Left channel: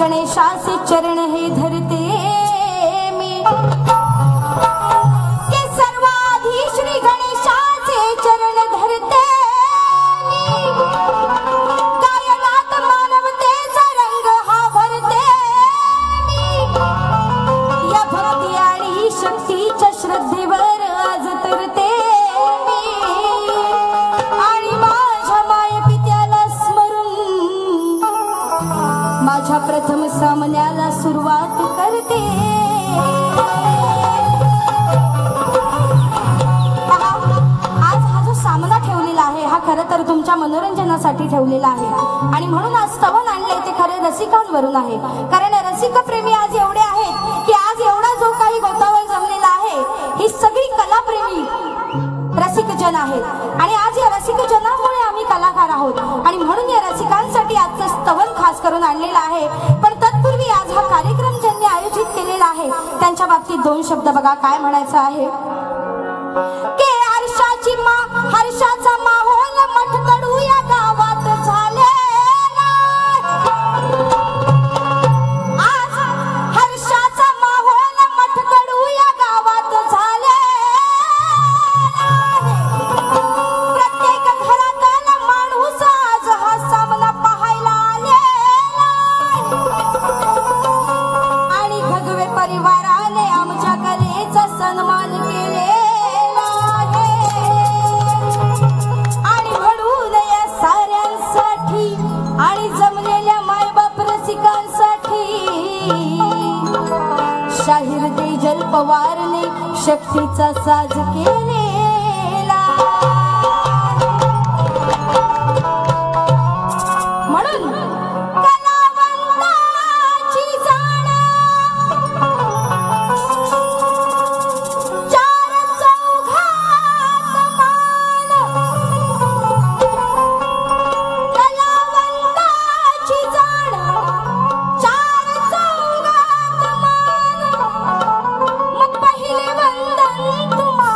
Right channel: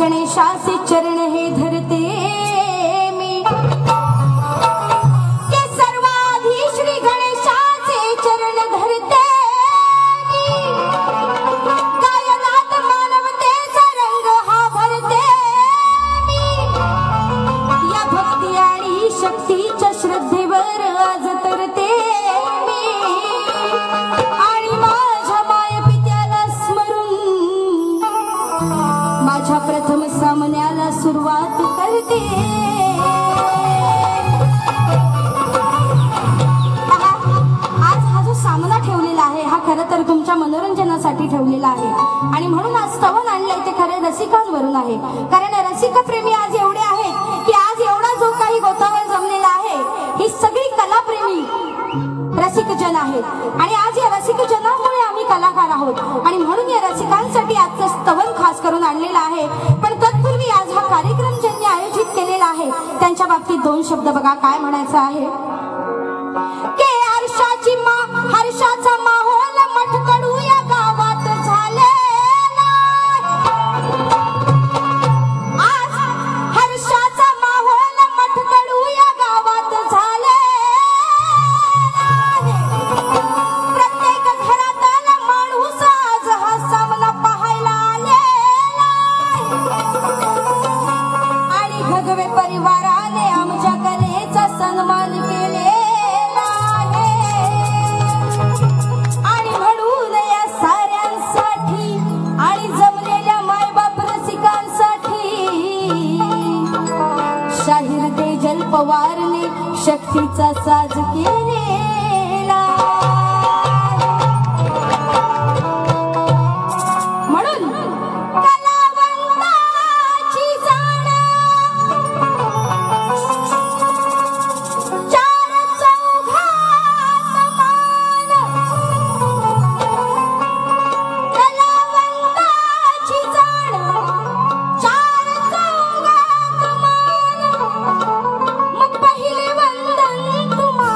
गणेशाचे चरण हे धरते मी ठेवलेला आहे आणि म्हणून आज स्तवन आणले ते खरे रसिकांवरून आहे। कारण रसिक प्रेमी आज एवढे आहेत की आज एवढा जो काही गोतावळ जमलेला आहे ही सगळी कलाप्रेमी रसिक जन आहेत आणि आज या रसिक जनामुळे आम्ही कलाकार आहोत आणि म्हणून या रसिकांसाठी आजचं स्तवन खास करून आणलेलं आहे। पण तत्पूर्वी आज हा कार्यक्रम ज्यांनी आयोजित केलेला आहे त्यांच्या बाबतीत दोन शब्द बघा काय म्हणायचं आहे की हर्षाचा माहोल मठकडू या गावात झालेला आज हर्षाचा माहोल मठकडू या गावात झालेला प्रत्येक घरातला माणूस आज हा सामना पाहायला आलेला आणि भगवे परिवाराने आमच्या कलेचा सन्मान केलेला आणि म्हणून या साऱ्यांसाठी आणि जमलेल्या मायबाप रसिकांसाठी शाहीर तेजल पवारने शक्तीचा साज केलेला म्हणून कलावंताची जाण चार चौघात मान कलावंताची जाण चार चौघात मान मग पहिले वंदन तुम्हा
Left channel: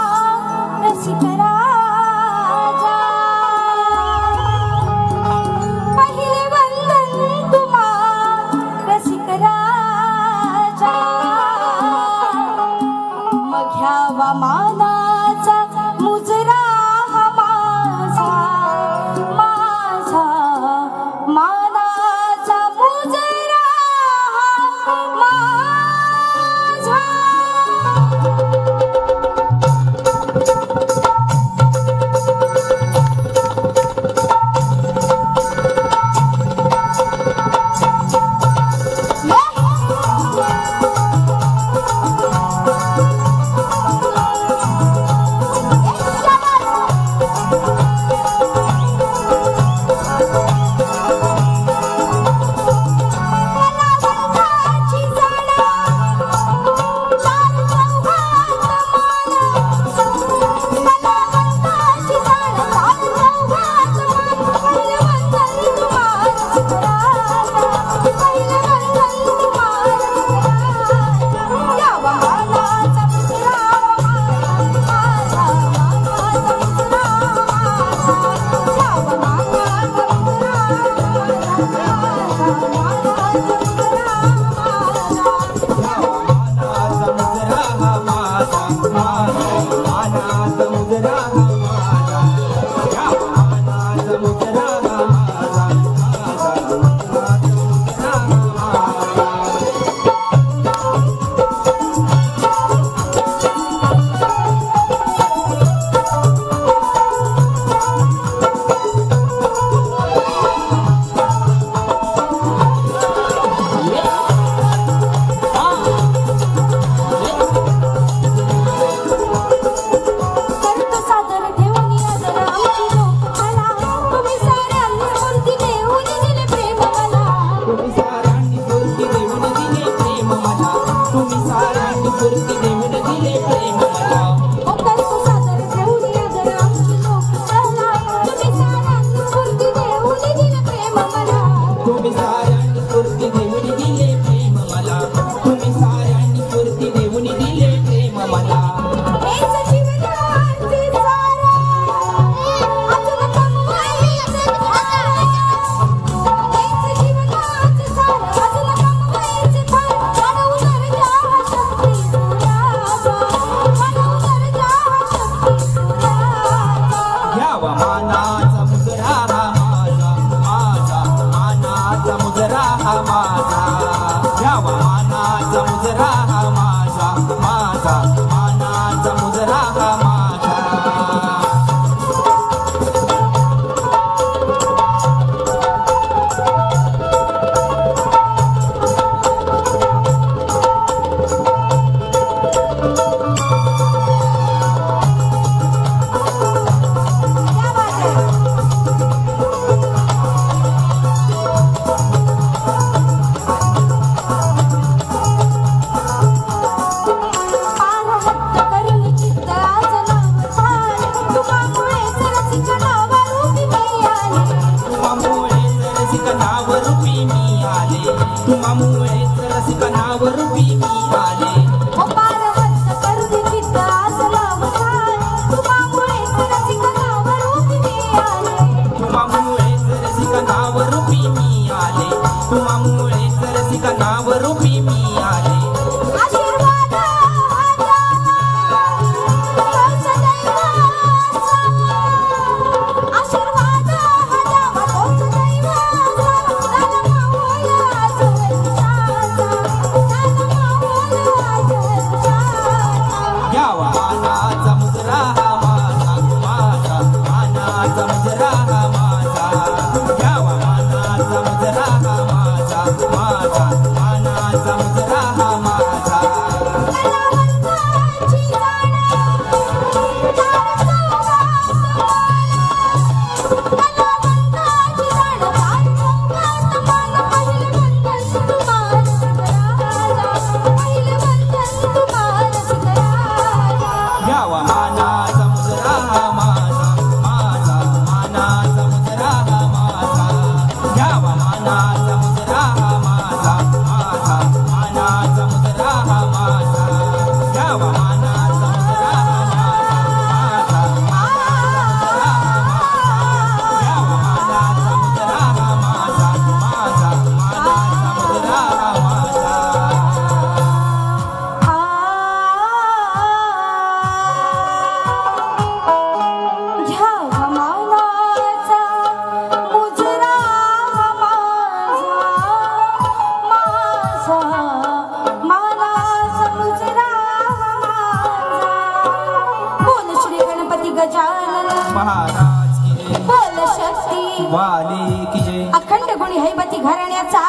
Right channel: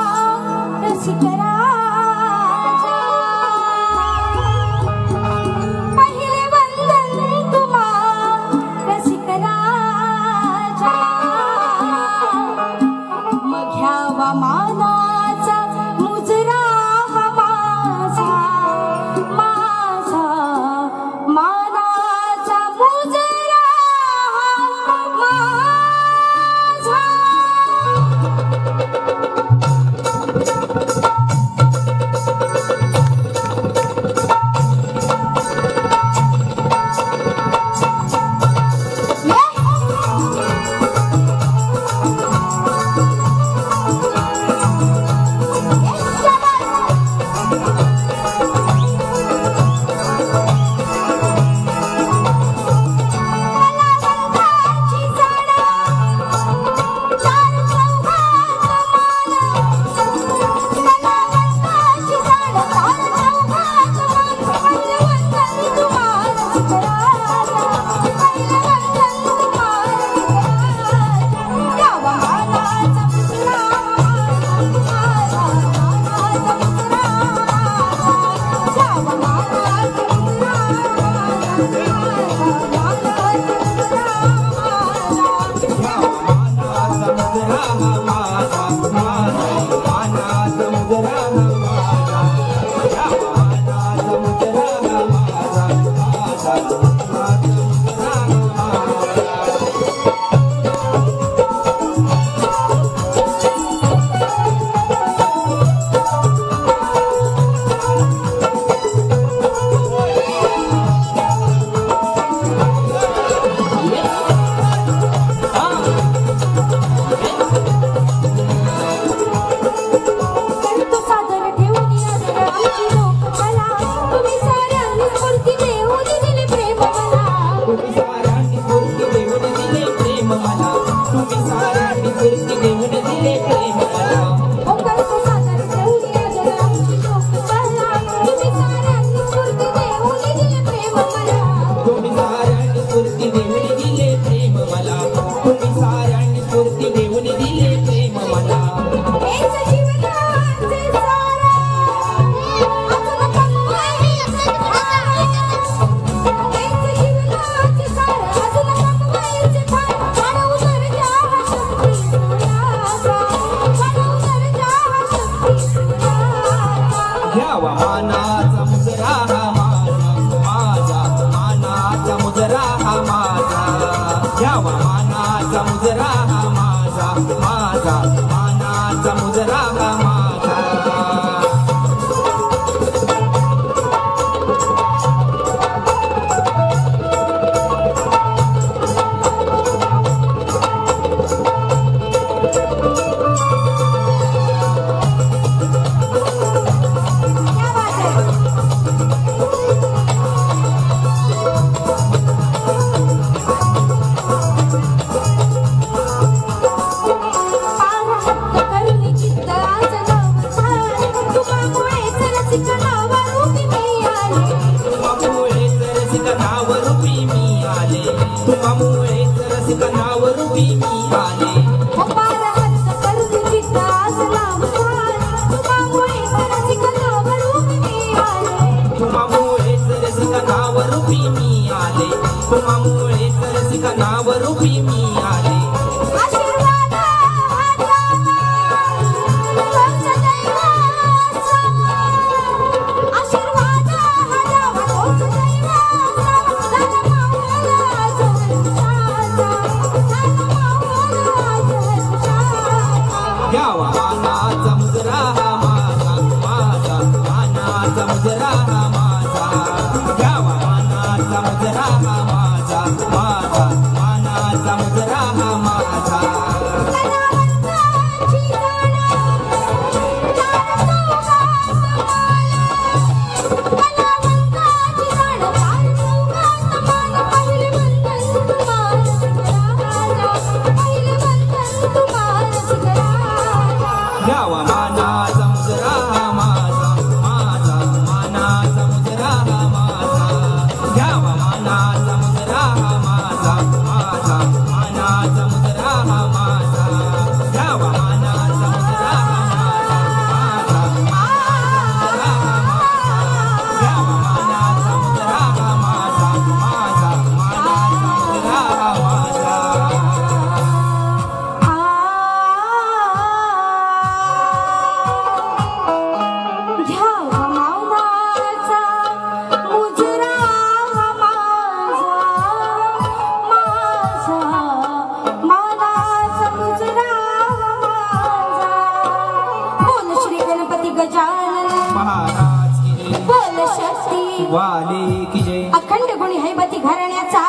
गजानन महाराज की जय, बोल शक्ती वाले की जय, अखंड गुणी हैबती घराण्याचा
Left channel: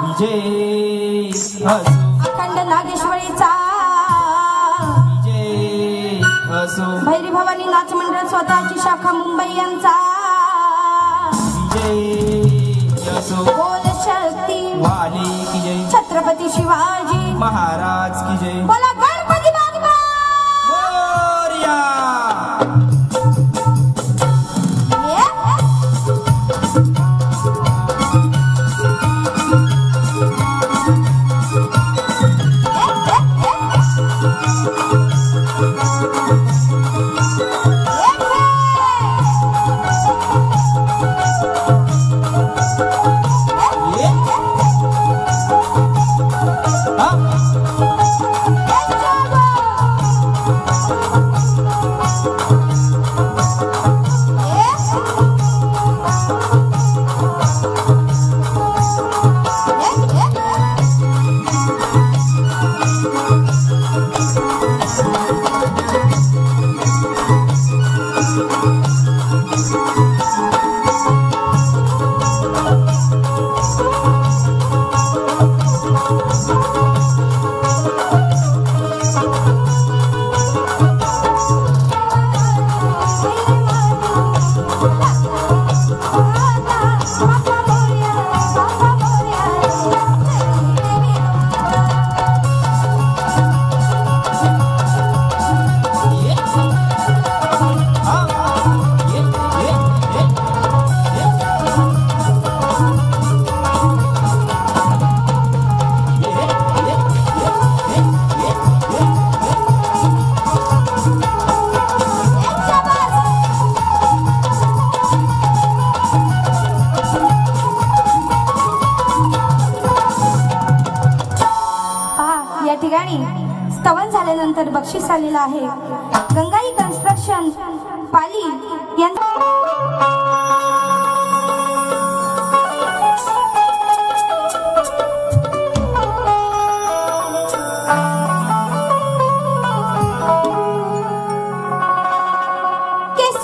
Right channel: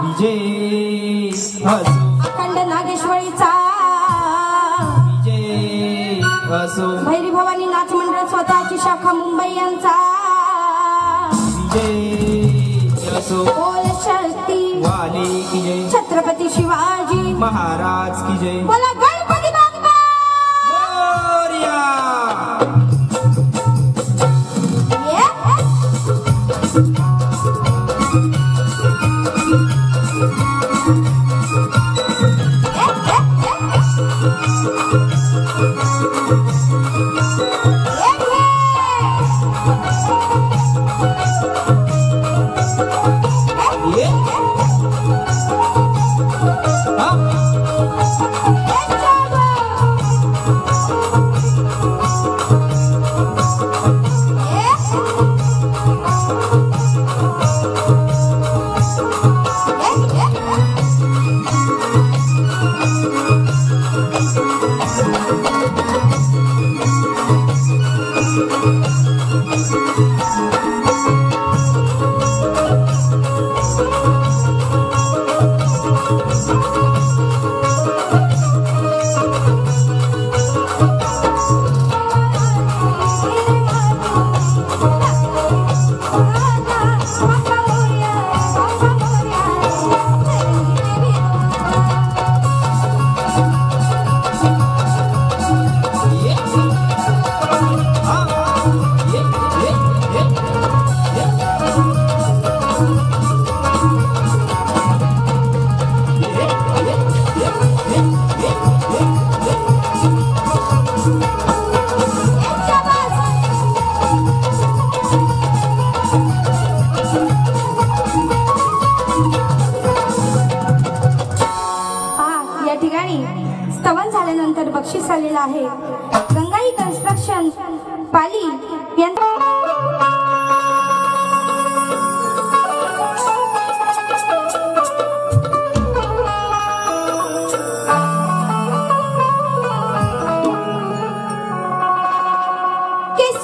विजय, अखंड नागेश्वरीचा विजय असो, भैरी भवानी नाच मंडळ स्वतःची शाखा मुंबई यांचा विजय असो, बोल शक्ती वाले की जय, छत्रपती शिवाजी महाराज की जय, बोला गणपती बाप्पा मोरया। स्तवन झाल्यानंतर बक्षीस आलेला आहे गंगाई कन्स्ट्रक्शन पाली यांचा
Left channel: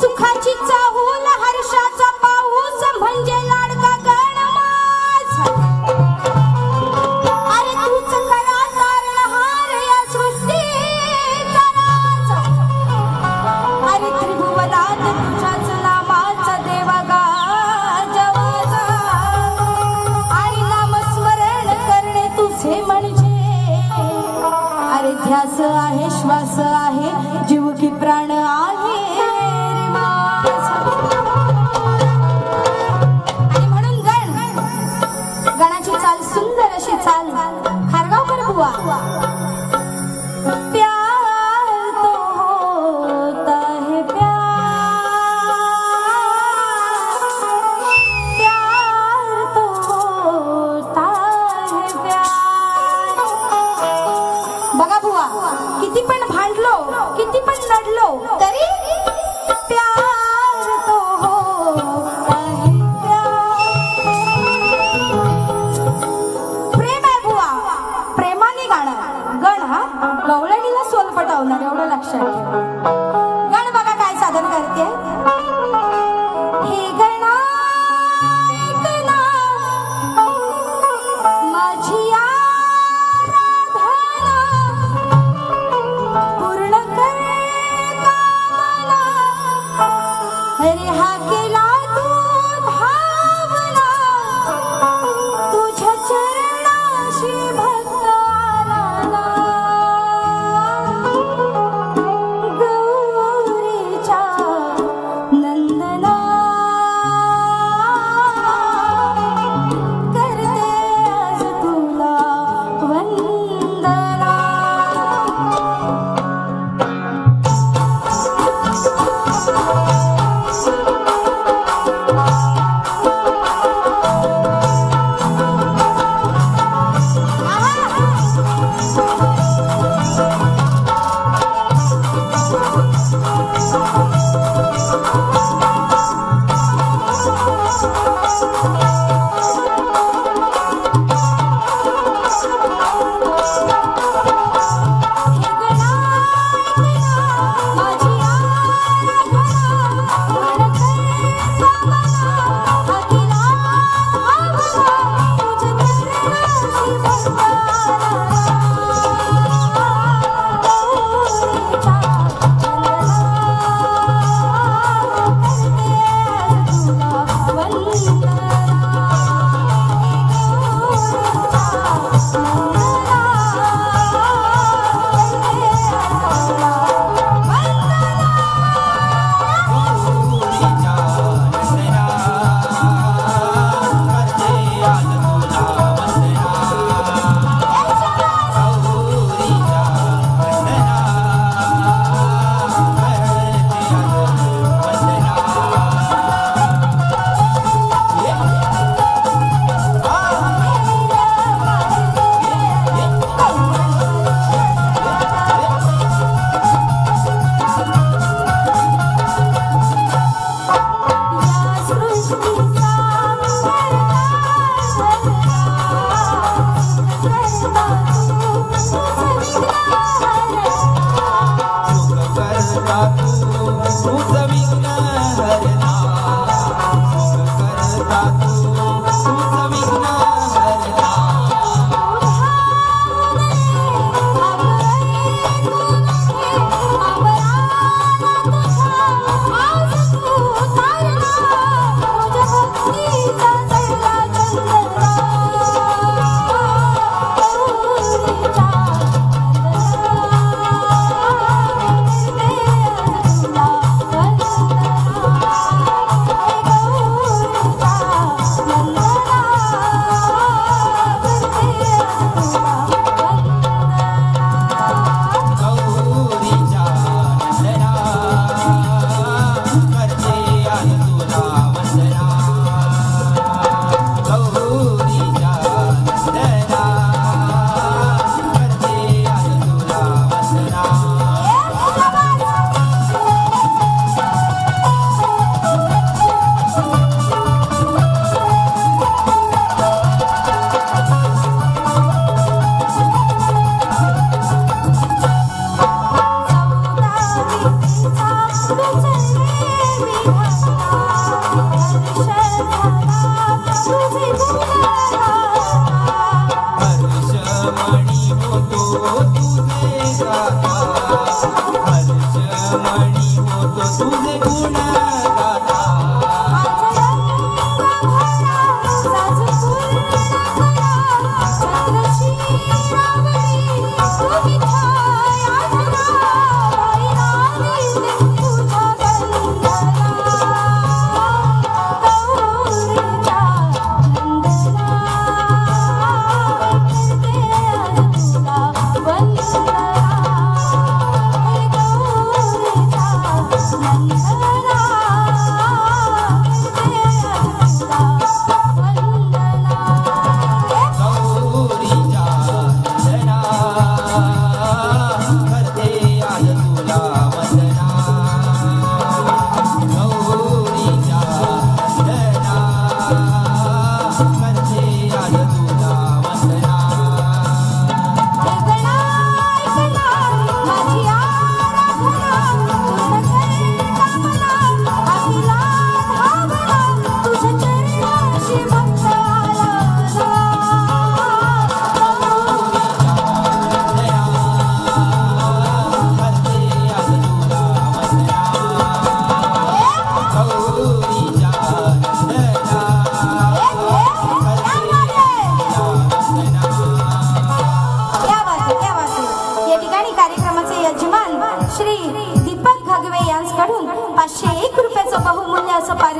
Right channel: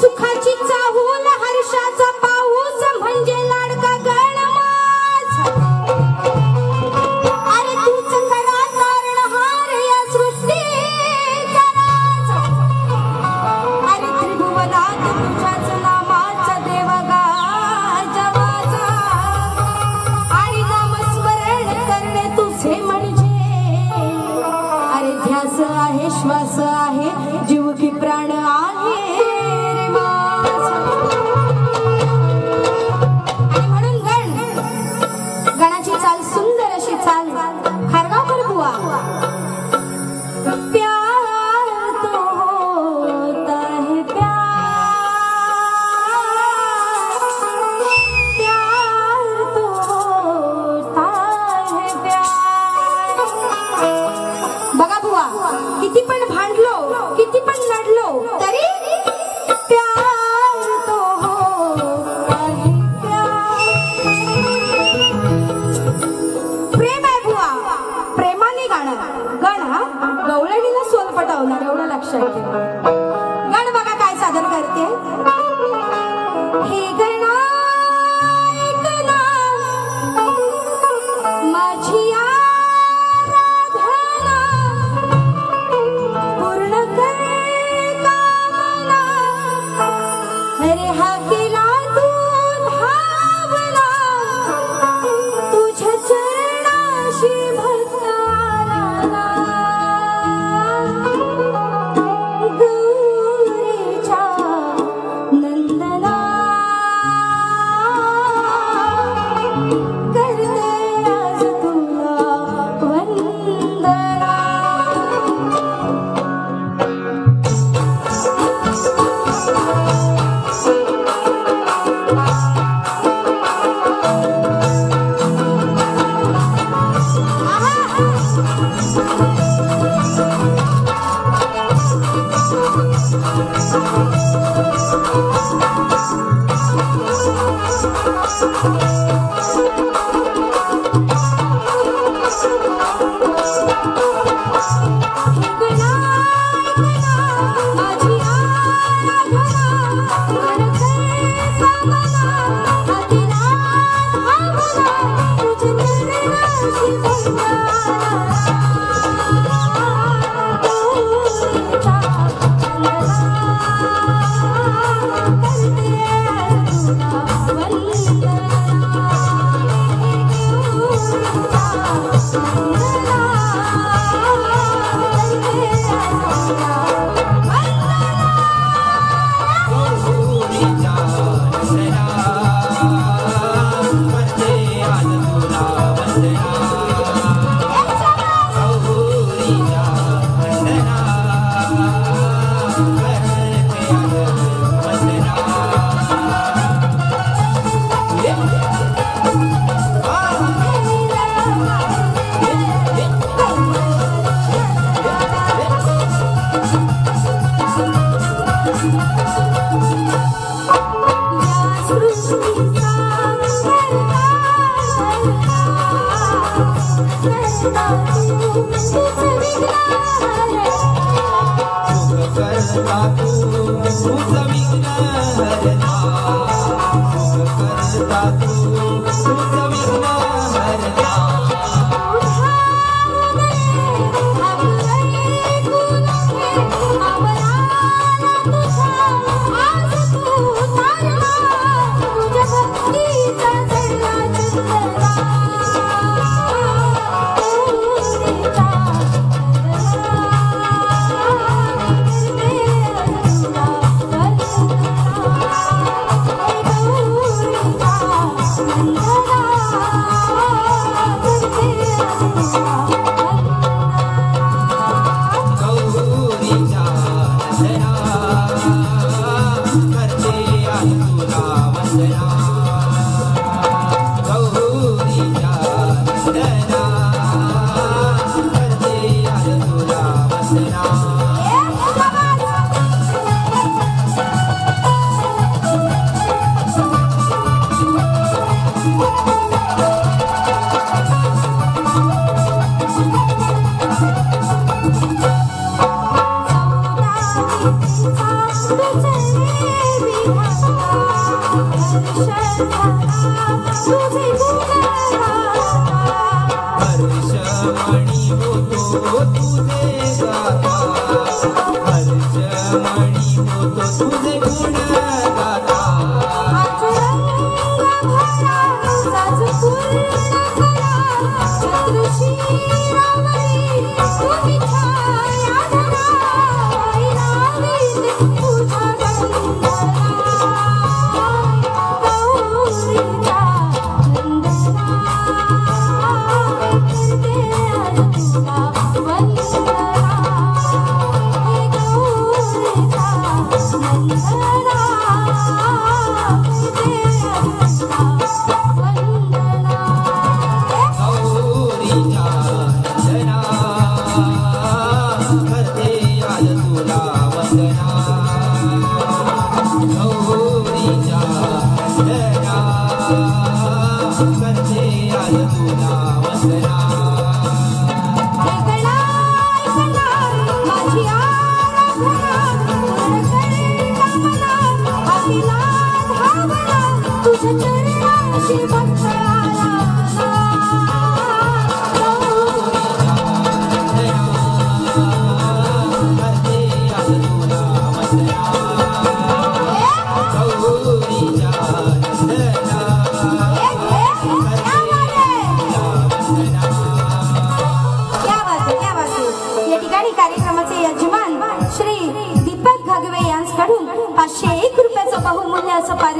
सुखाची चाहूल हर्षाचा पाऊस म्हणजे लाडका गणमाज अरे तूच खरा तारणहार या सृष्टीचा नाच अरे त्रिभुवनात तुझ्याच नामाचा देवगा जवाचा आणि नामस्मरण करणे तुझे म्हणजे अरे ध्यास आहे श्वास आहे जीव की प्राण आहे गणाची चाल सुंदर अशी चाल चाल खारगावकर बुवा प्यार तो होता है प्यार तो होता है बघा बुवा किती पण भांडलो किती पण लढलो तरी प्यार तो होता है प्रेम आहे बुवा प्रेमाने गाणं गण हा गवळणीला सोल पटवणार एवढं लक्षात ठेवा गण बघा काय सादर करते हे गणा ऐकना माझी पूर्ण कर कामना हरे हा केला तू धावला तुझ्या चरणाशी भक्त आला गौरीच्या नंदना करते आज तुला वंदना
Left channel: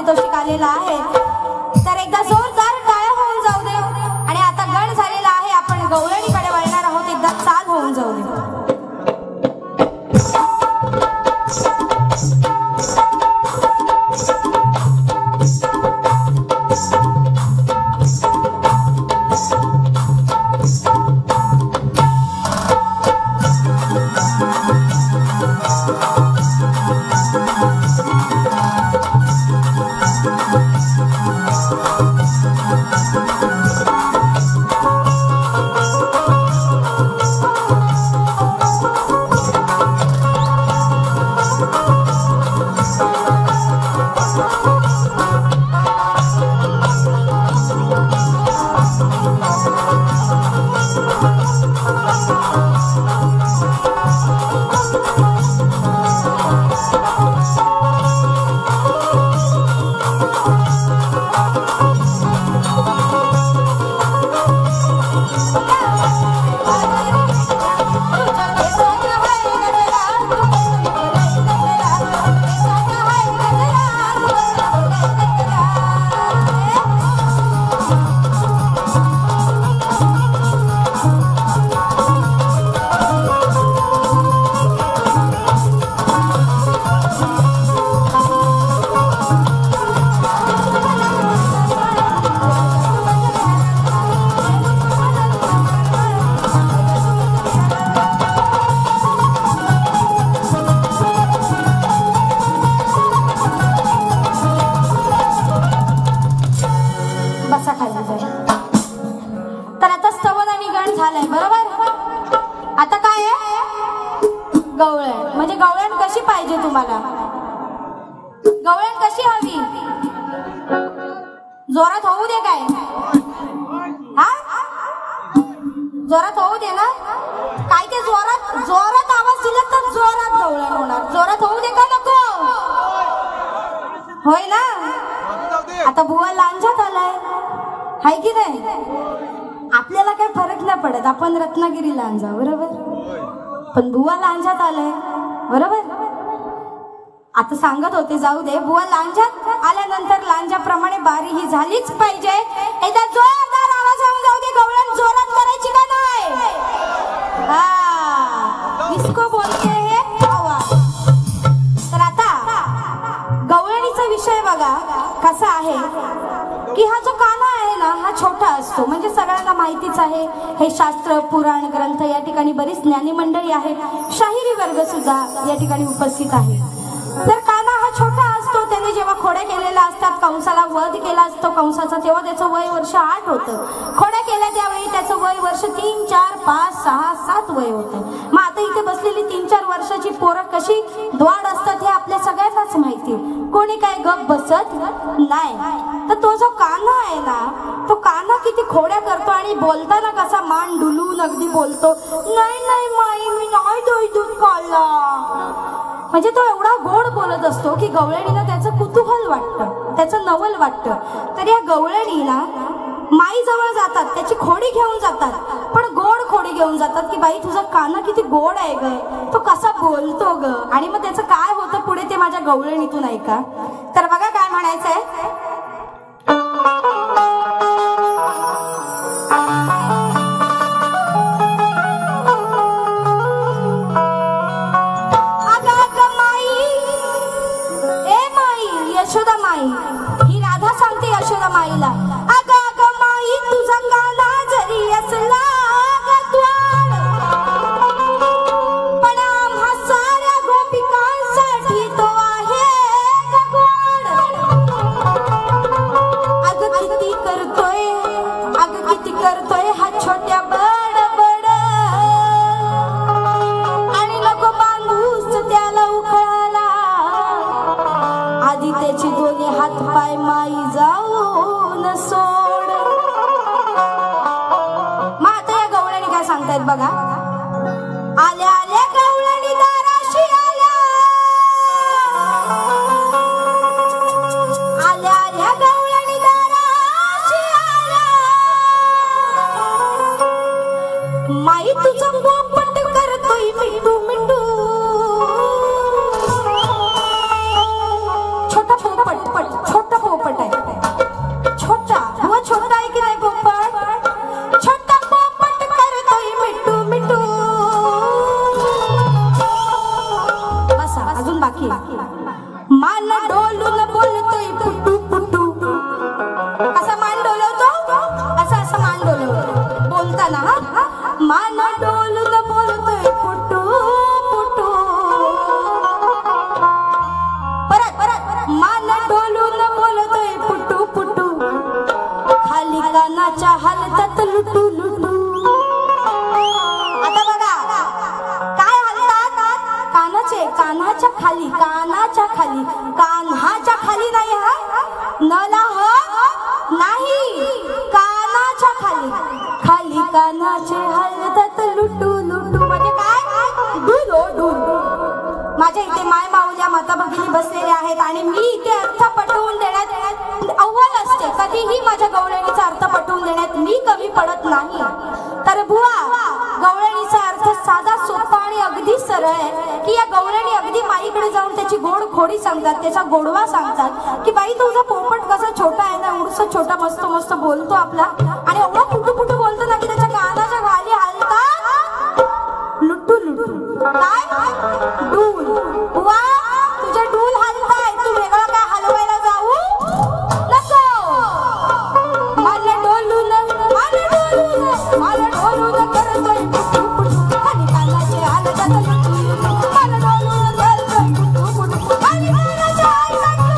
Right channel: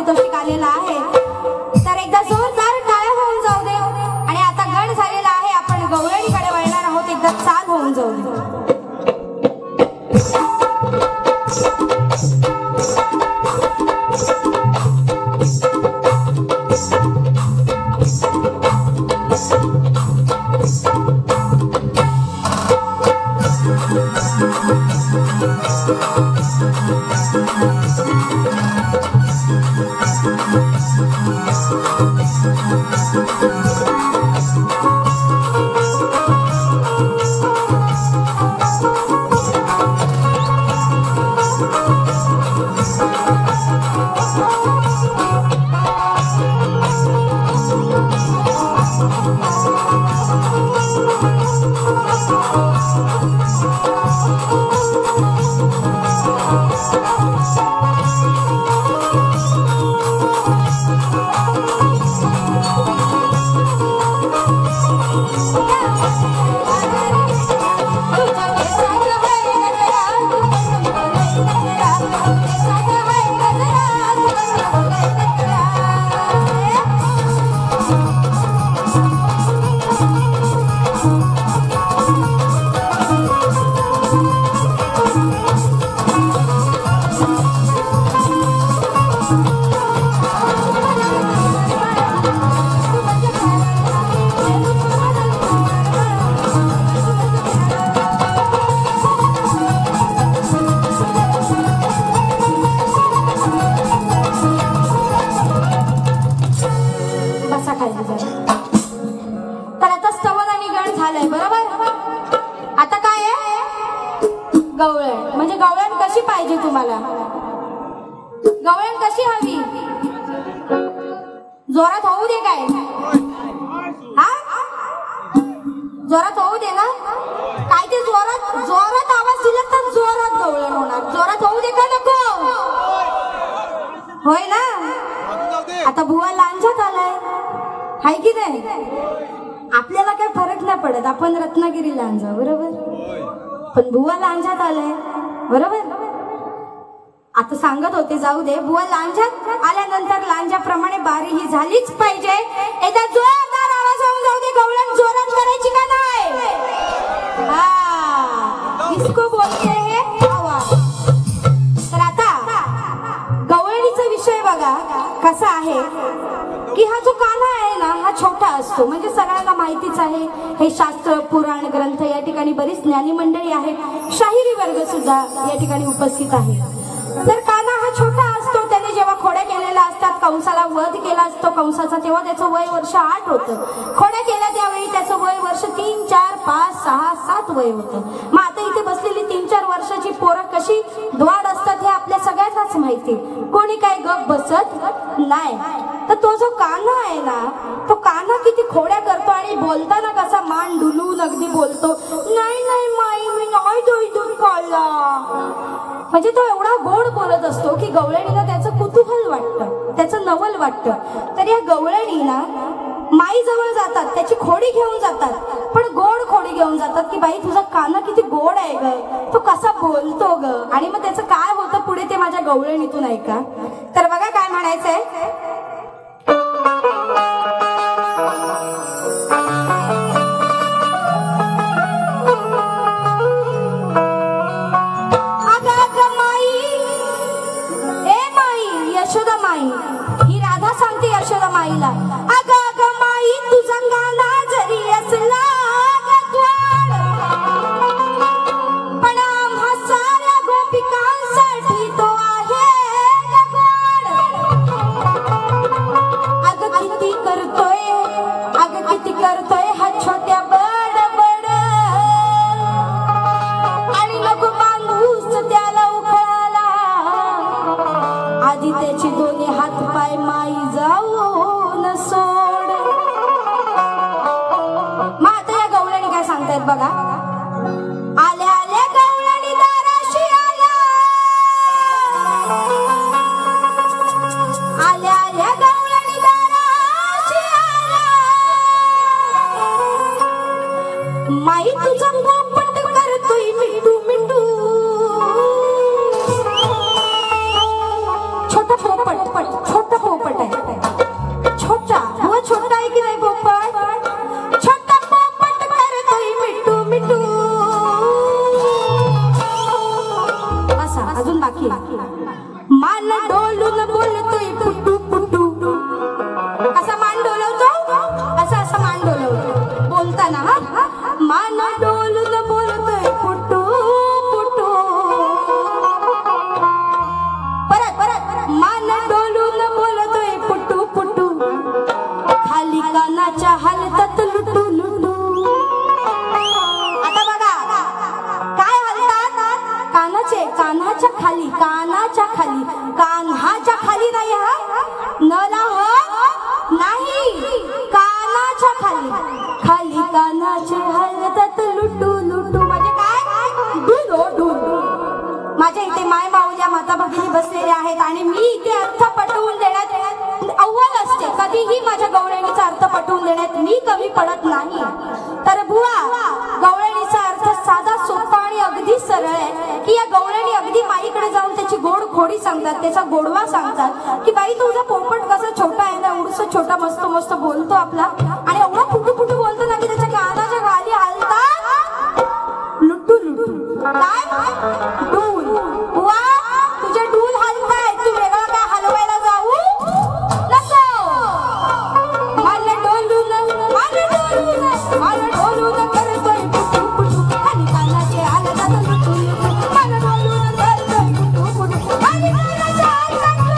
पारितोषिक आलेलं आहे. तर एकदा जोरदार टाळ्या होऊन जाऊ दे. आणि आता गण झालेला आहे, आपण गवळणीकडे वळणार आहोत. एकदा चाल होऊन जाऊ दे. गवळण म्हणजे गवळण कशी पाहिजे तुम्हाला? गवळण कशी हवी? जोरात होऊ दे काय? हा जोरात होऊ दे ना. काय ते जोरात जोरात आवाज दिला तर जोरात गवळण होणार. जोरात होऊ दे का नको? होय ना. आता बुवा लांजात आलाय हाय की नाही? आपल्याला काही फरक नाही पडत, आपण रत्नागिरी लांजा बरोबर, पण बुवा लांजात आलाय बरोबर. आता सांगत होते जाऊ दे, बुवा लांजात आल्यानंतर लांजाप्रमाणे बारी ही झालीच पाहिजे. एकदा जोरदार आवाज होऊन जाऊ दे. गवळण जोरात करायची का नाही? इसको बोलते हे आवाज. तर आता गवळणीचा विषय बघा कसा आहे की हा जो काना आहे ना हा छोटा असतो, म्हणजे सगळ्यांना माहितीच आहे. हे शास्त्र पुराण ग्रंथ या ठिकाणी बरीच ज्ञानी मंडळी आहे, शाहिरी वर्ग सुद्धा या ठिकाणी उपस्थित आहे. तर काना हा छोटा असतो. त्याने जेव्हा खोड्या केलेल्या असतात, कंसाला वध केला असतो कंसाचा, तेव्हा त्याचं वय वर्ष 8 होतं. खोड्या केल्या त्यावेळी त्याचं वय वर्ष 3, 4, 5, 6, 7 वय होतं. मग आता इथे बसलेली 3-4 वर्षाची पोरं कशी द्वाड असतात हे आपल्या सगळ्यांनाच माहिती. कोणी काय गप बसत नाही. तर तो जो काना आहे ना, तो काना किती खोड्या करतो आणि बोलताना कसा मान डुलून अगदी बोलतो, नाही नाही माई मी नाही दूध काढला. म्हणजे तो एवढा गोड बोलत असतो की गवळणीला त्याचं कुतूहल वाटतं, त्याचं नवल वाटतं. तर या गवळणीला माई जवळ जातात, त्याची खोडी घेऊन जातात, पण गोड खोडी घेऊन जातात की बाई तुझा काना किती गोड आहे ग, तो कसा बोलतो ग. आणि मग त्याचं काय होतं पुढे ते माझ्या गवळणीतून ऐका. तर बघा काय म्हणायचंय. यशोदा माई ही राधा सांगते यशोदा माईला, अगं अगं माई तुझा काना जरी असला गद्वाड, पण आम्हा साऱ्या गोपिकांसाठी तो आहे गद्वाड. अगं किती करतोय हा छोट्या बडबड, आणि नको बांधूस त्याला उखळाला, आधी त्याची दोन्ही हात पाय माई जाऊन सोड. मग आता या गवळणी काय सांगतायत बघा. आल्या आल्या गवळणी दाराशी आल्या, आल्या आल्या गवळणी दाराशी आल्या, माई तुझा गोपट करतोय मिंडू मिंडू. छोटा कानाचे हलतात लुटू लुटू म्हणजे काय डुलो डुलो. माझ्या इथे माय माऊल्या माता भगिनी बसलेल्या आहेत आणि मी इथे अर्थ पटवून देण्यात अव्वल असते. कधीही माझ्या गवळणीचा अर्थ पटवून देण्यात मी कमी पडत नाही. तर बुवा, गवळणीचा अर्थ साधा सोपा आणि अगदी सरळ आहे की या गवळणी अगदी माईकडे जाऊन त्याची गोड खोडी सांगतात, त्याचा गोडवा सांगतात की बाई तुझा पोपट कसा छोटा आहे ना, एवढसा छोटा मस्त मस्त बोलतो आपला आणि एवढा कुठू कुठू बोलतो ना की त्याच्या कानाच्या गाली हलतात लुटू लुटू. काय डूल बुवा, तुझे डूल हलताय, तू वेगळा काय हलवायला जाऊ नको. मला डोलून मला डोलून मला डोलून करतोय पुटू पुटू आणि कानाचे हलतात लुटू लुटू. मला डोलून करतोय पुटू पुटू आणि कानाचे हलतात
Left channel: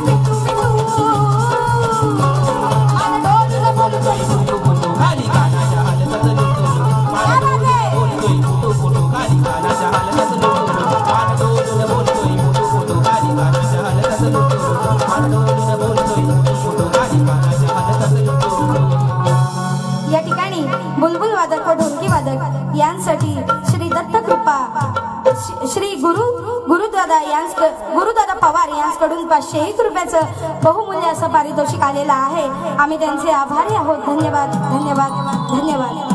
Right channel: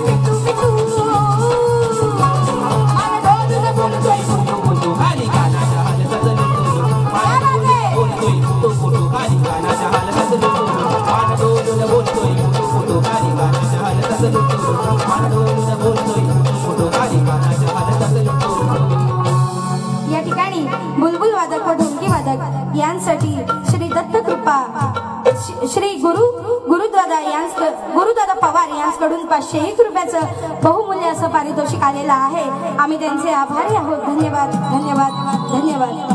Pitu pitu 501 रुपयाचं बहुमूल्य असं पारितोषिक आलेलं आहे. आम्ही त्यांचे आभारी आहोत. धन्यवाद धन्यवाद धन्यवाद.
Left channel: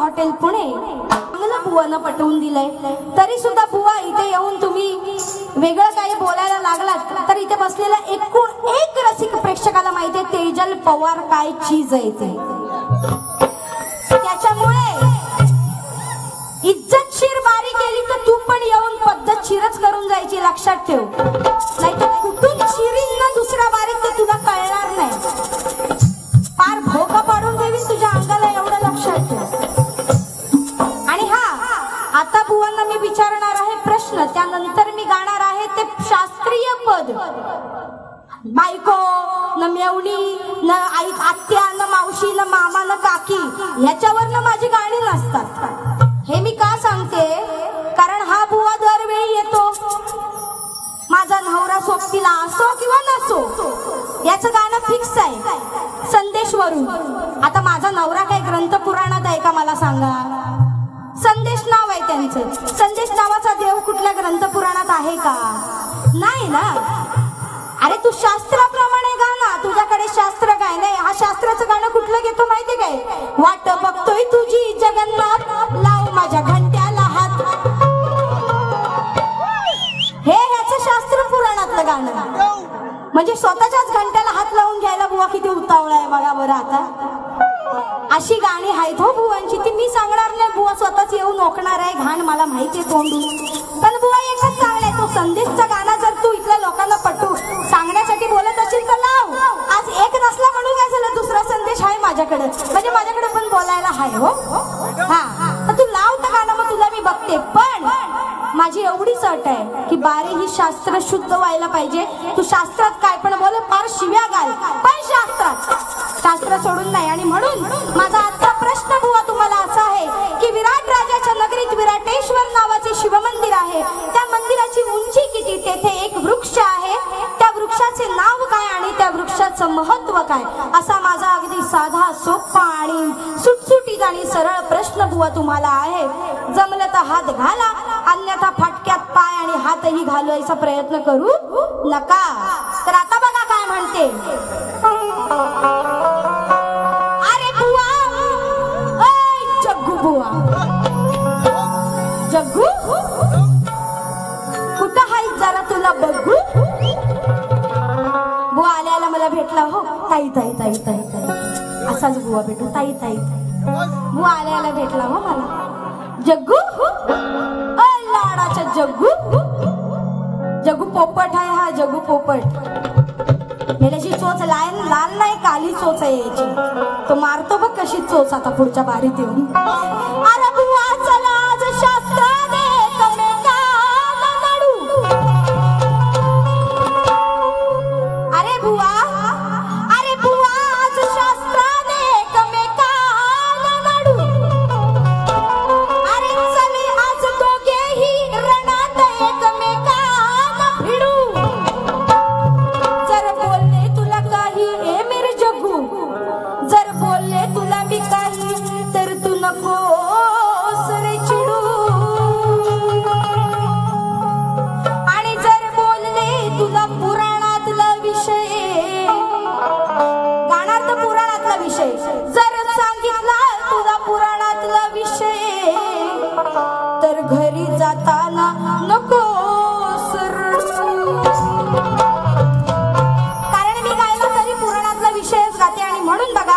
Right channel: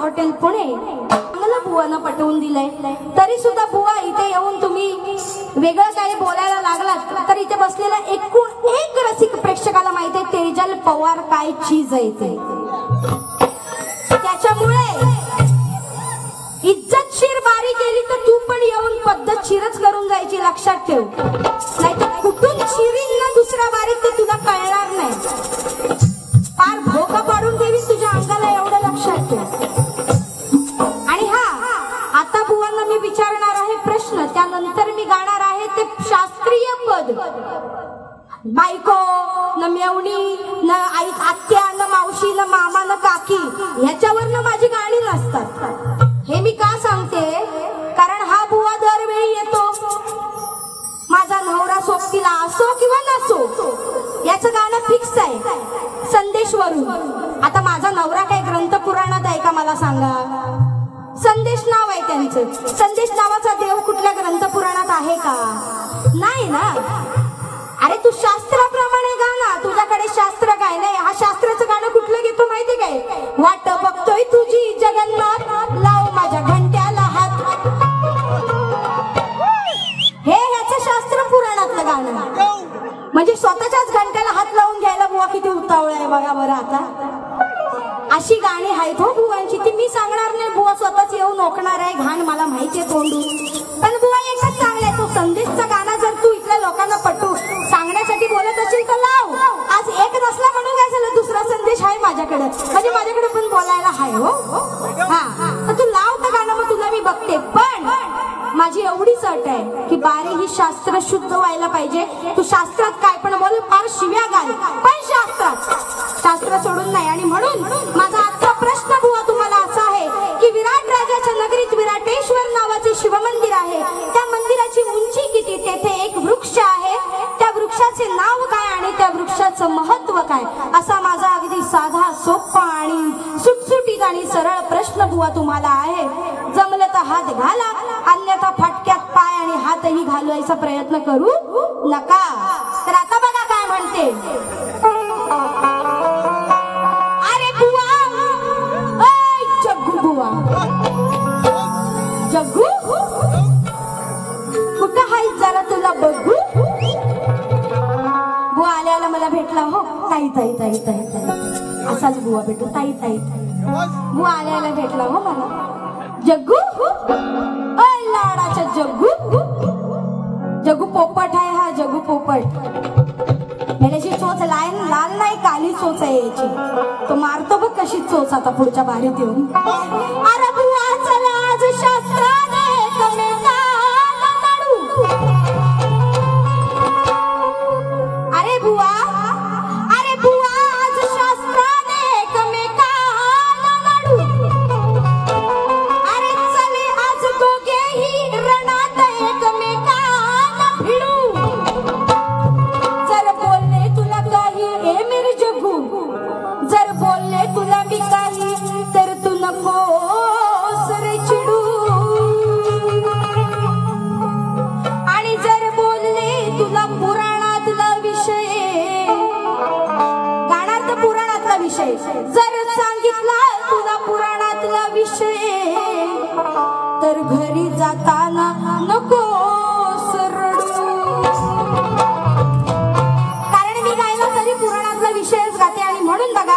हॉटेल पुणे चांगलं बुवानं पटवून दिलंय. तरी सुद्धा बुवा इथे येऊन तुम्ही वेगळं काही बोलायला लागलात तर इथे बसलेला एकूण एक रसिक प्रेक्षकाला माहितीये तेजल पवार काय चीज आहे ते. त्याच्यामुळे इज्जतशीर बारी केली तर तू पण येऊन पद्धतशीरच करून जायची, लक्षात ठेव. नाही तर कुठून शिरीन ना दुसऱ्या बारीत ते तुला कळणार नाही. फार भोका पाडून देवी तुझ्या अंगाला, एवढं लक्षात ठेव. आता बुवांना मी विचारणार आहे प्रश्न, त्यानंतर मी गाणार आहे ते शास्त्रीय पद. बायको न मेवणी न आई आत्या न मावशी न मामा न काकी ह्याच्यावर माझी गाणी नसतात. हे मी का सांगते, कारण हा बुवा दरवेळी येतो. माझा नवरा सोबतीला असो किंवा नसो याचं गाणं फिक्स आहे संदेशवरून. आता माझा नवरा काय ग्रंथ पुराणात आहे का मला सांगा? संदेश नाव आहे त्यांचं. संदेश नावाचा देव कुठल्या ग्रंथ पुराणात आहे का? नाही ना. अरे तू शास्त्राप्रमाणे गा ना, तुझ्याकडे शास्त्र काय नाही. हा शास्त्राचं गाणं कुठलं घेतो माहिती काय? वाट बघतोय तुझी जगन्नाथ, लाव माझ्या घंट्याला हात. हे याचं शास्त्र पुराणातलं गाणं. म्हणजे स्वतःच्याच घंट्याला हात लावून घ्यायला बुवा किती उतावळा आहे बघा बरं. आता अशी गाणी आहेत हो बुवांची, ती मी सांगणार नाही. बुवा स्वतःच येऊन ओकणार आहे, घाण मला माहितीये तोंडी. पण बुवा एकच चांगलाय, तो संदेशचा गाणं जर तू इथल्या लोकांना पटू सांगण्यासाठी बोलत असेल तर लाव. आज एक नसला म्हणून काय झालं, दुसरा संदेश आहे माझ्याकडे, म्हणजे माझ्याकडे पण बोलायला आहे हो. हा तर तू लाव तर गाणं, मग तुला मी बघते. पण माझी एवढीच अट आहे की बारी ही शास्त्र शुद्ध व्हायला पाहिजे. तू शास्त्रात काय पण बोल, फार शिव्या घाल, पण शास्त्र सोडून नाही. आणि म्हणून माझा आजचा प्रश्न बुवा तुम्हाला असा आहे की विराट राजाच्या नगरीत विराटेश्वर नावाचे शिवमंदिर आहे. त्या मंदिराची उंची किती, तेथे एक वृक्ष आहे, त्या वृक्षाचे नाव काय आणि त्या वृक्षाचं महत्व काय, असा माझा अगदी साधा सोपा आणि सुटसुटीत आणि सरळ प्रश्न बुवा तुम्हाला आहे. जमलं तर हात घाला, अन्यथा फाटक्यात पाय आणि हातही घालवायचा प्रयत्न करू नका. तर आता बघा काय म्हणते. अरे बुवा, जग्गू बुवा, जग्गू कुठं हाय जरा तुला बघू. बुवा आल्याला मला भेटला हो. ताई ताई ताई ताई ताई असाच बुवा भेटू. ताई ताई बुवा आल्याला भेटला हो मला. जग्गू लाडाच्या जग्गू जगू पोपट आहे हा जगू पोपट. मेल्याची चोच लाल नाही काली चोच आहे याची. तो मारतो बघ कशी चोच आता पुढच्या बारीत येऊन. अरे बुवा चला आज शास्त्राने कमेकाला नडू. अरे बुवा आज शास्त्राने कमेकाला नडू. अरे चले आज दोघेही रणात एकमेकाला भिडू. जर बोलले तुला काही ए मेरे जग्गू, जर बोलले तुला मी काही तर तू नकोस रे चिडू. आणि जर बोलले तुला पुराणातला विषय, गाण्यात पुराणातला विषय जर सांगितला तुला पुराणातला विषय तर घरी जाताना नकोस रडू. कारण मी गायला तरी पुराणातला विषयच गाते आणि म्हणून बघा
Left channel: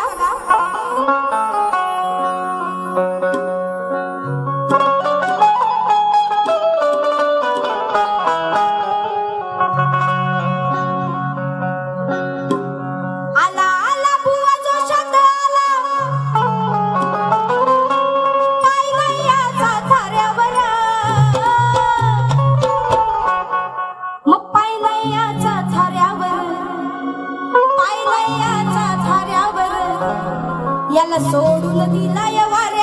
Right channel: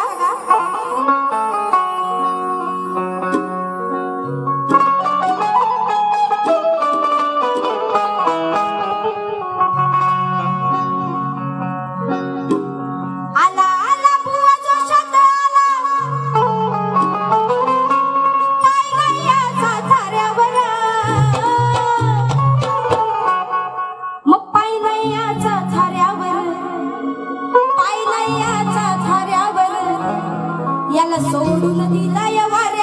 आला आला बुवा जो शब्द आला पायनयाचा थाऱ्यावर. मग पायनयाचा थाऱ्यावर याला सोडून दिलाय वाऱ्यावर. पायनयाचा थाऱ्यावर याला सोडून दिलाय वाऱ्यावर.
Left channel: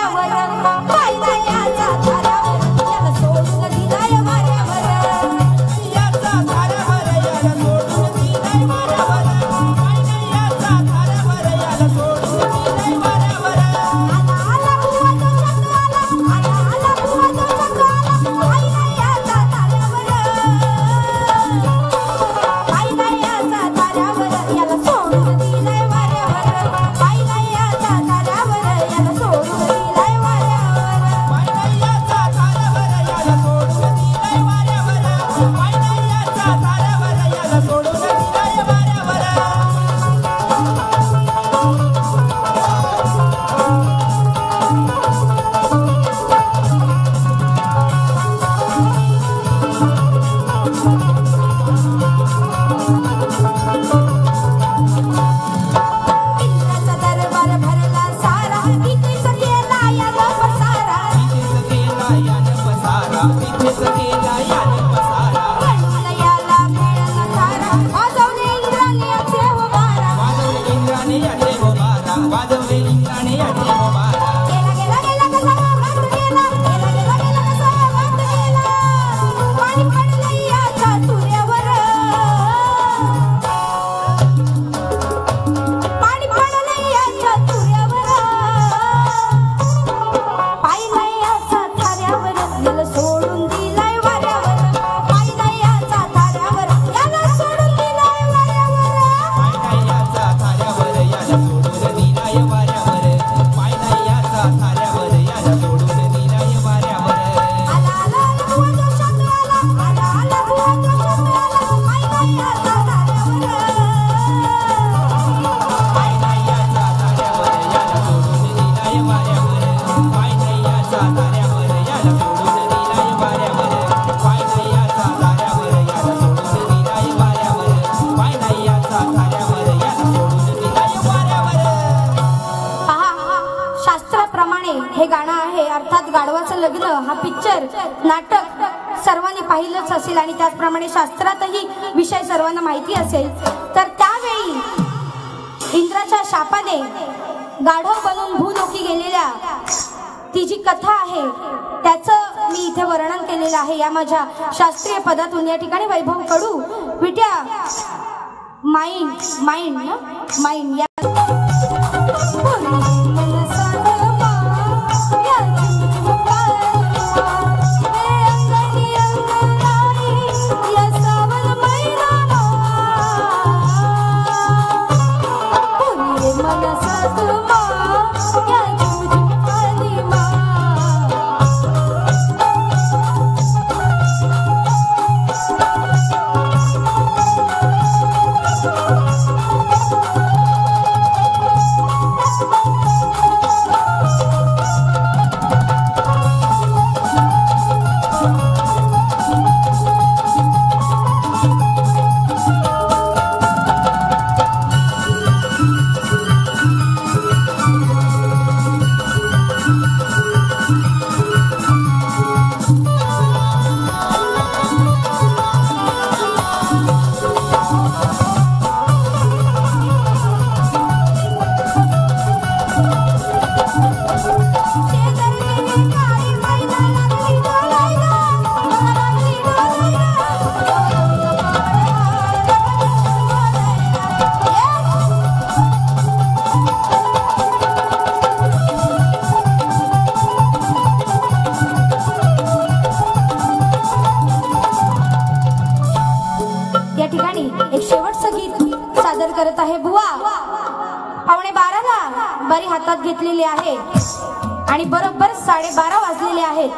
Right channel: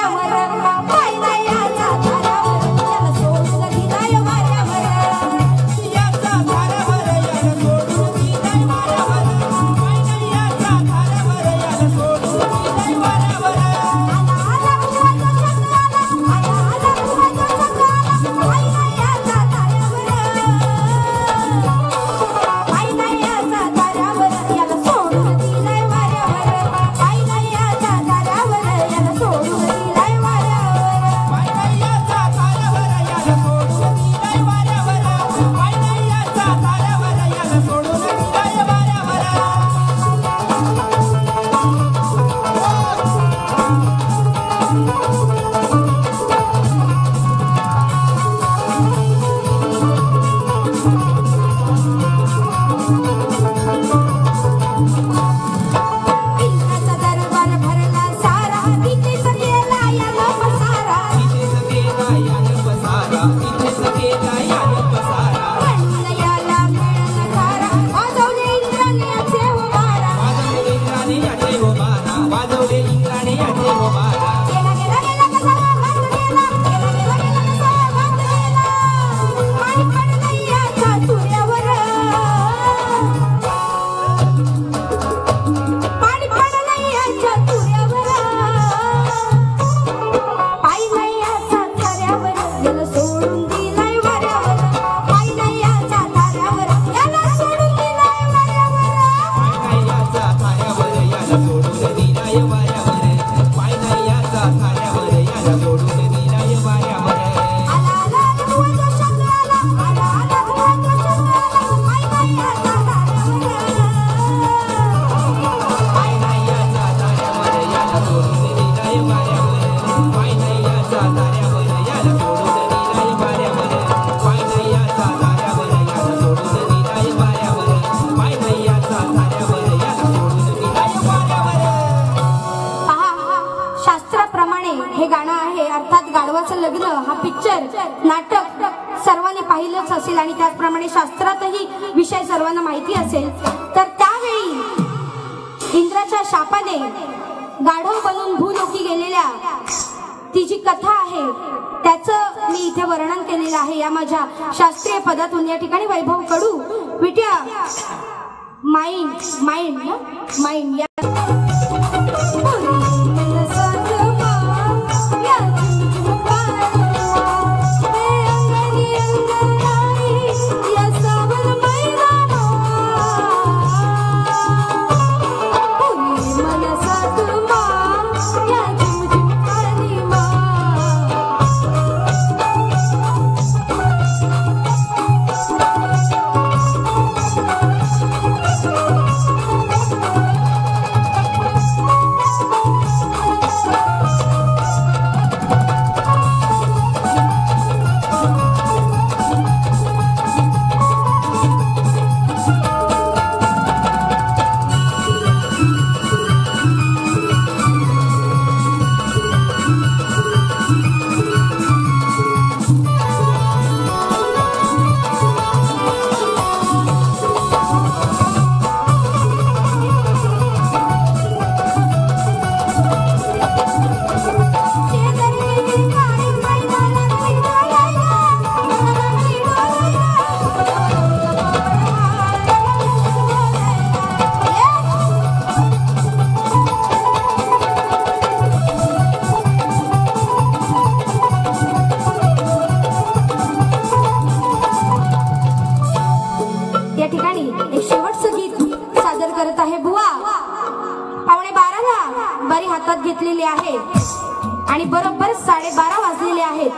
हे गाणं आहे अर्थात गाढवाचं लग्न हा पिक्चर नाटक सर्वांनी पाहिलंच असेल आणि त्याचप्रमाणे शास्त्रातही विषय सर्वांना माहिती असेल. तर त्यावेळी इंद्राच्या शापाने गाढव बनून भूलोकी गेलेल्या ती जी कथा आहे त्याचं मी इथे वर्णन केलेलं आहे या माझ्या शास्त्रीय पदातून. या ठिकाणी वैभव कडू विट्या माइंड एक शेवटचं गीत सादर करत आहे बुवा. 11:15 बारी हातात घेतलेली आहे आणि बरोबर 12:30 वाजलेले आहेत.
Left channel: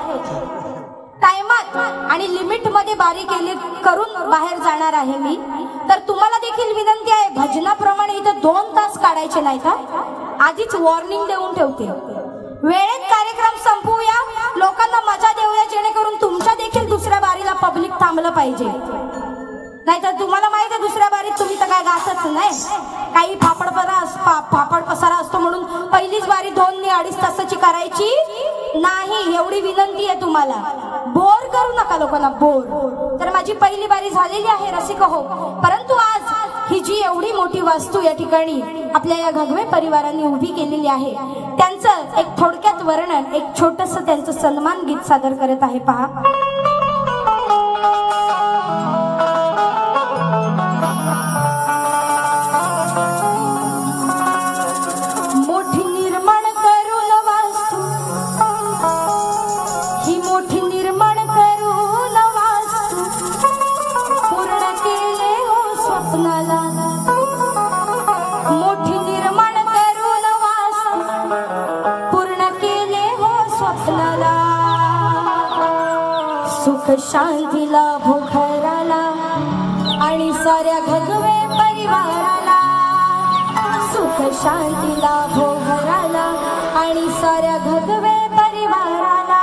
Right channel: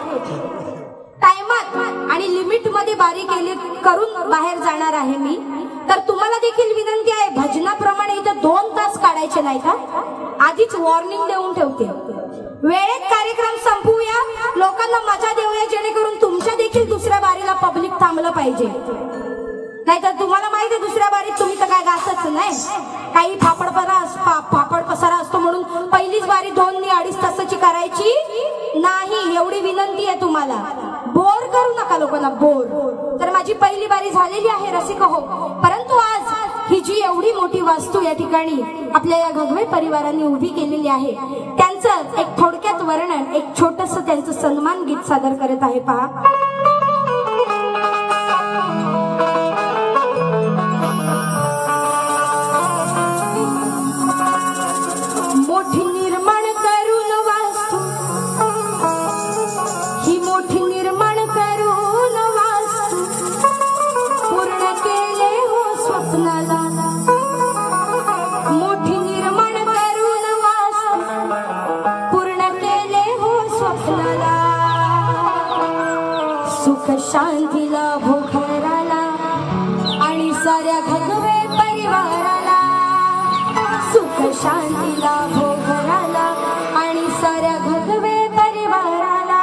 टाइमात आणि लिमिट मध्ये बारी केली करून बाहेर जाणार आहे मी. तर तुम्हाला देखील विनंती आहे, भजनाप्रमाणे इथे 2 तास काढायचे नाही का. आधीच वॉर्निंग देऊन ठेवते, वेळेत कार्यक्रम संपवूया, लोकांना मजा देऊया, जेणेकरून तुमच्या देखील दुसऱ्या बारीला पब्लिक थांबलं पाहिजे. नाहीतर तुम्हाला माहिती आहे दुसऱ्या बारीत तुम्ही तर काय गातच नाही, काही फापड पसारा असतो म्हणून पहिलीच बारी 2 ते 2.5 तासाची करायची नाही. एवढी विनंती आहे तुम्हाला, बोर करू नका लोकांना, बोर. तर माझी पहिली बारी झालेली आहे रसिक हो. परंतु आज ही जी एवढी मोठी वास्तू या ठिकाणी आपल्या या घगवे परिवारांनी उभी केलेली आहे, त्यांचं एक थोडक्यात वर्णन, एक छोटंसं त्यांचं सन्मान गीत सादर करत आहे. पहा. मोठी निर्माण करून वास्तू, ही मोठी निर्माण करून वास्तू, पूर्ण केले हो स्वप्नाला. मोठी निर्माण करून वास्तू, पूर्ण केले हो स्वप्नाला. सुख शांती लाभो घराला आणि साऱ्या घगवे परिवाराला. सुख शांती लाभो घराला आणि साऱ्या घगवे परिवाराला.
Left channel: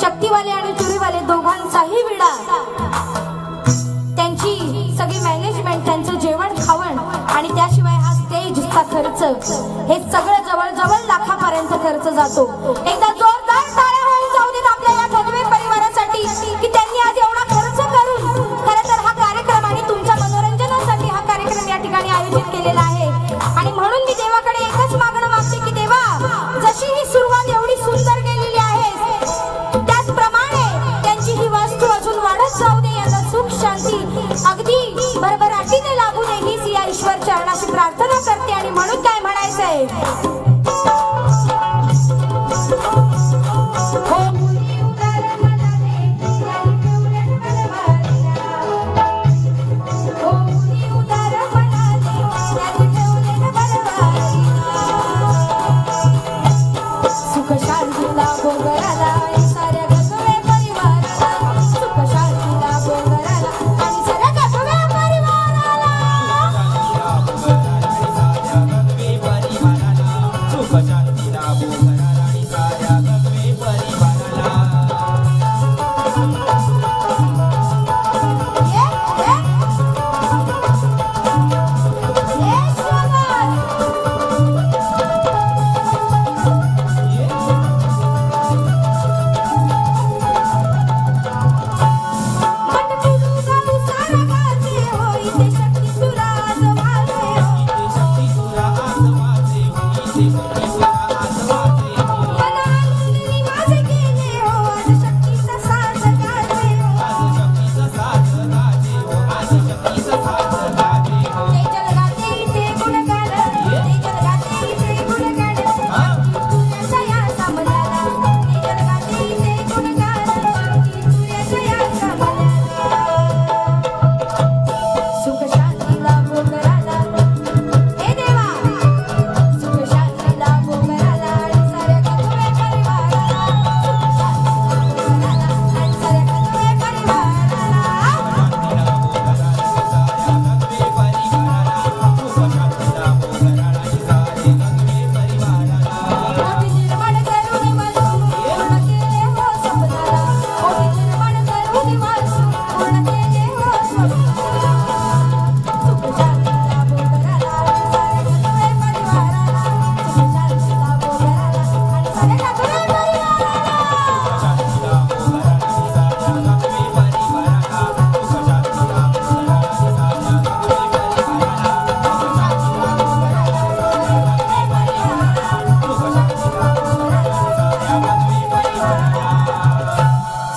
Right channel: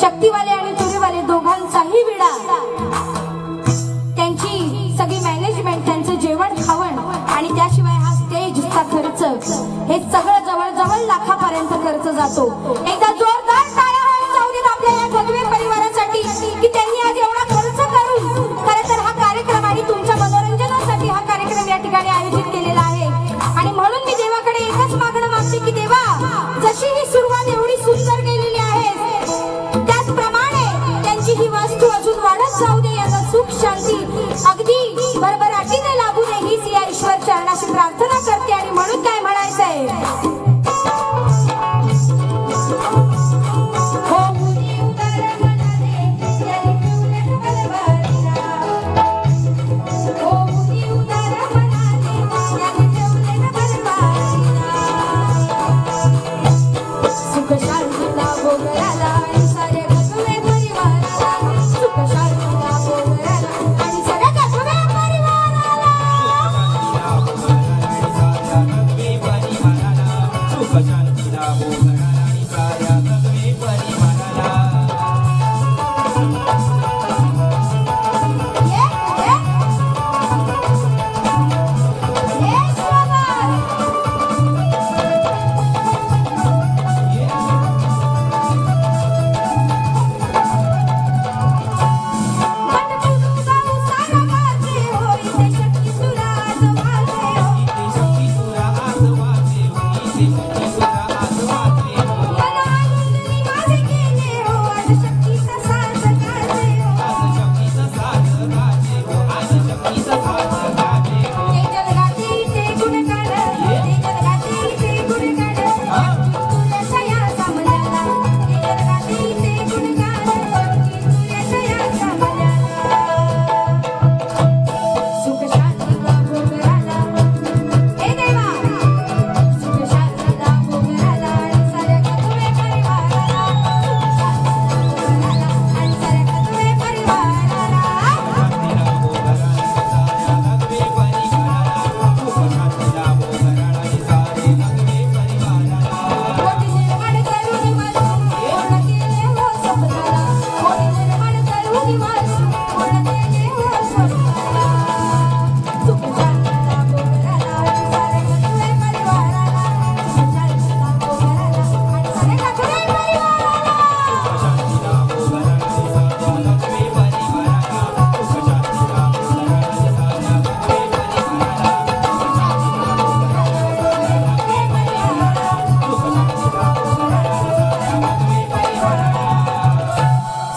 शक्तीवाले आणि चोरीवाले दोघांचाही विडा. त्यांची सगळी मॅनेजमेंट, त्यांचं जेवण खावण आणि त्याशिवाय हा स्टेजचा खर्च, हे सगळं जवळजवळ लाखापर्यंत खर्च जातो. एकदा जोरदार टाळ्या होऊन जाऊ देत आपल्या या घगवे परिवारासाठी की त्यांनी आज एवढा खर्च करून खरं तर हा कार्यक्रम आणि तुमच्या मनोरंजनासाठी हा कार्यक्रम या ठिकाणी आयोजित केलेला आहे. आणि म्हणून मी देवाकडे एकच मागणं मागते की देवा, जशी ही सुरुवात एवढी सुंदर केलेली आहे, ही वास्तू अजून वाढत जाऊ दे, याचा सुख शांती अगदी भरभराटीने लागू नये, हीच या ईश्वर चरणाशी प्रार्थना करते. आणि म्हणून काय म्हणायचंय,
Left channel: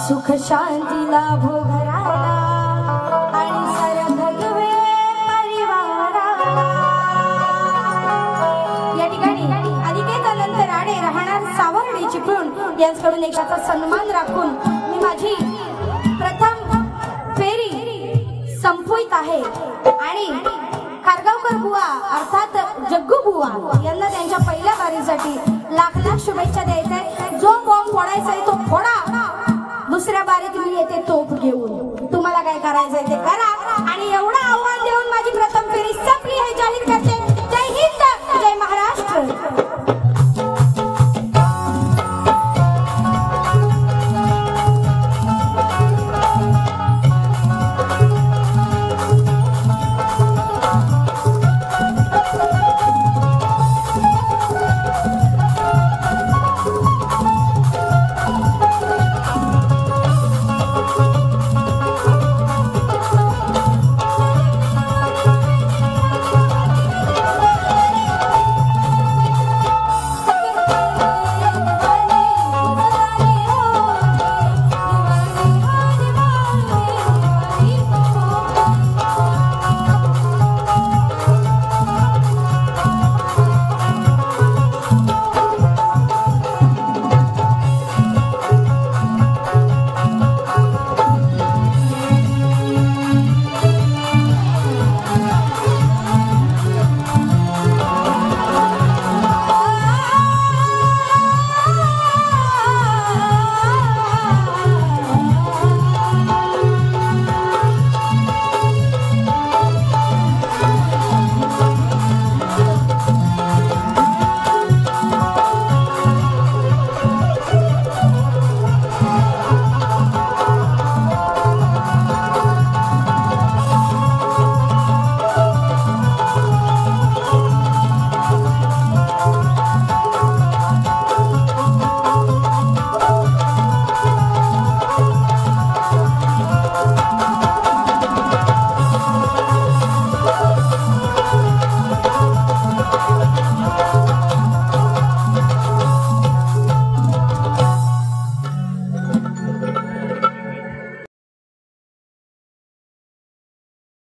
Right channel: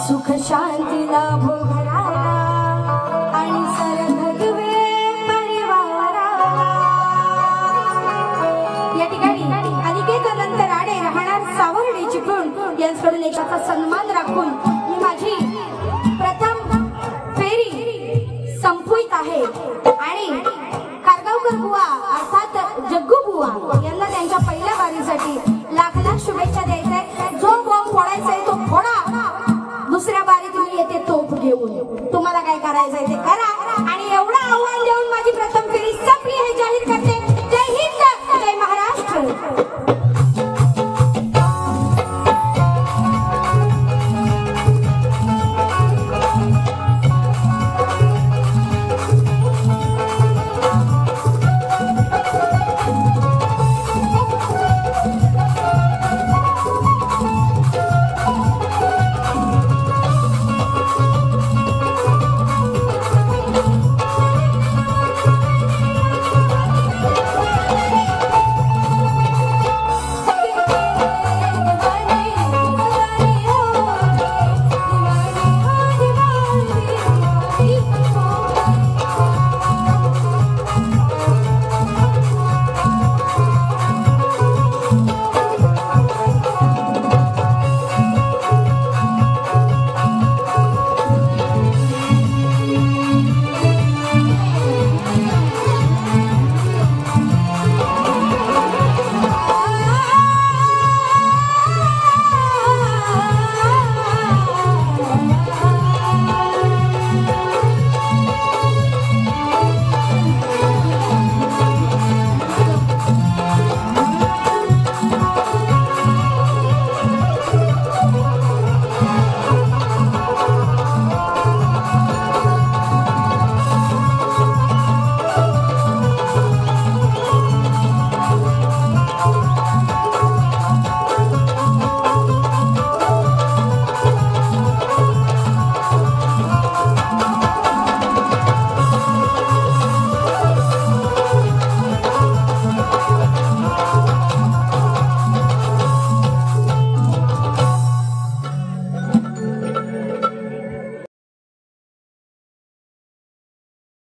सुख शांती लाभो घराला आणि सरभगवे परिवाराला. या ठिकाणी अनिकेत अनंत राणे राहणार सावर्डे चिपळूण यांच्याकडून एकाचा सन्मान राखून मी माझी प्रथम फेरी संपवित आहे आणि कारगावकर बुवा अर्थात जग्गू बुवा यांना त्यांच्या पहिल्या वारीसाठी लाख लाख शुभेच्छा द्यायच्या. जो बॉम्ब फोडायचा आहे तो फोडा, दुसऱ्या बारीत मी येते तोफ घेऊन. तुम्हाला काय करायचंय ते करा आणि एवढं आव्हान देऊन माझी प्रथम फेरी संपली हे जाहीर